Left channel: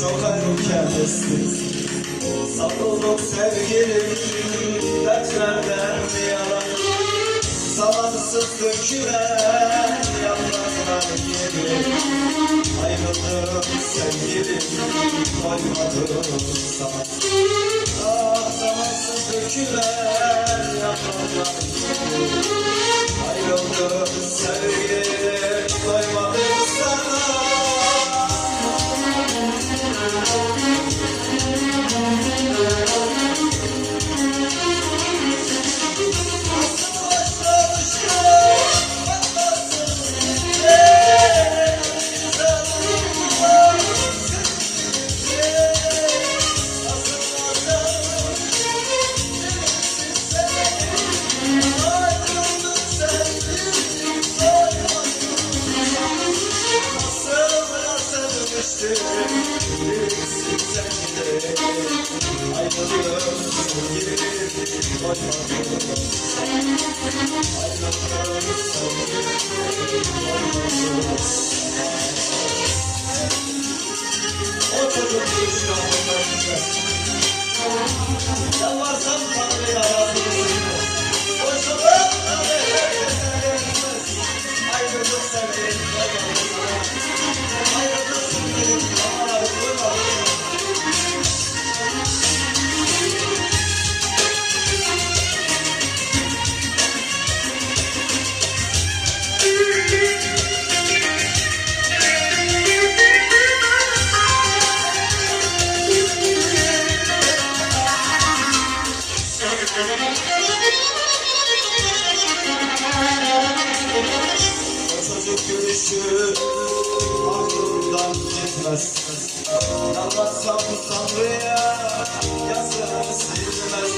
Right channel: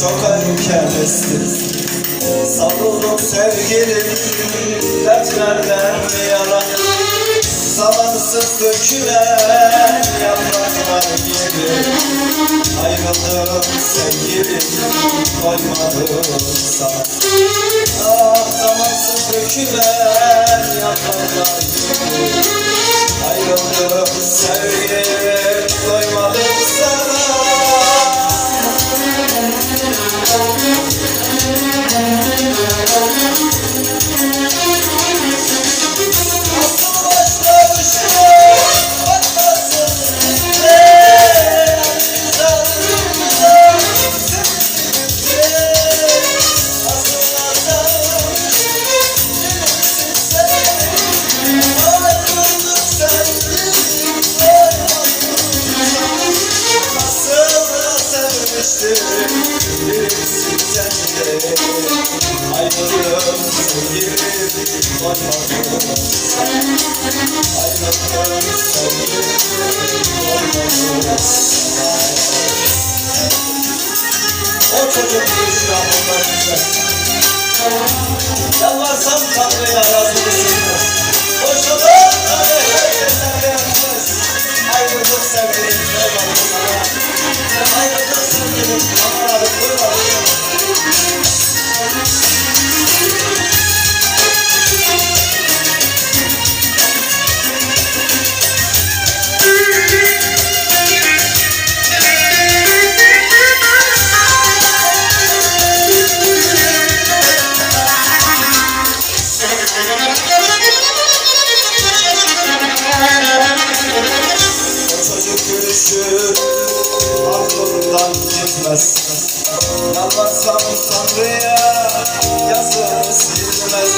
çok erkemesiniz Savruldum sevgilim. Dertlerden yara Zamansız dökülen yapraklar gibi Ayrıldım sevgilim koymadım sana Ah zamansız dökülen yapraklar gibi o çocuk aklımdan Yalvarsam Tanrı'ya çocuk gülüşü aklımdan gitmez. Yalvarsam Tanrı'ya yazımı silmez.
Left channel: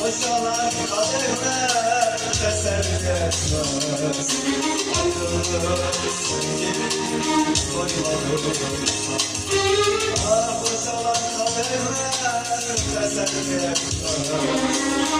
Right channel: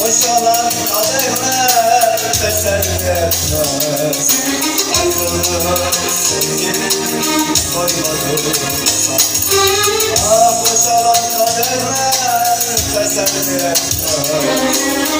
Boşalan kadehler teselli etmez. Ayrıldım sevgilim koymadıysa Ah Thank.